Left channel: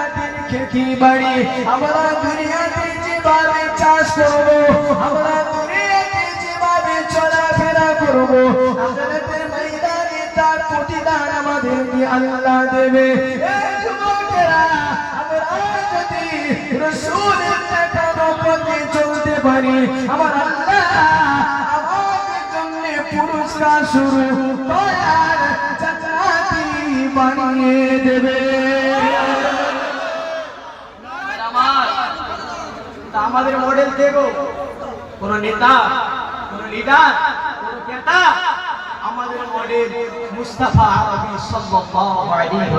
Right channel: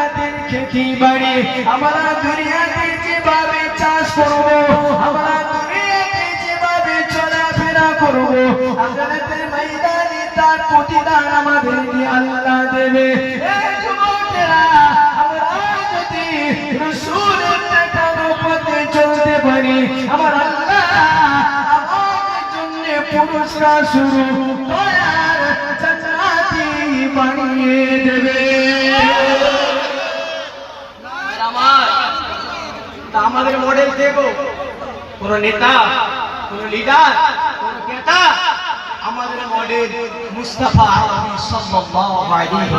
আখিরাতের খেতি বাড়ি, আমরা দুনিয়াতে যেভাবে চাষ করব, আমরা দুনিয়াতে যেভাবে চলাফেরা করব আখিরাতের ময়দানে তার প্রতিদান আমাদেরকে আল্লাহ দেবে। আমরা চলতে পারি, আমার আল্লাহ আমাদের জন্য পুরস্কার শুরু দয়ার আমাদের মডেল দেব কোন নেতা কোন লিডার কোন নেতা আমাদের মডেল মুস্তাফা আলম আলাইহি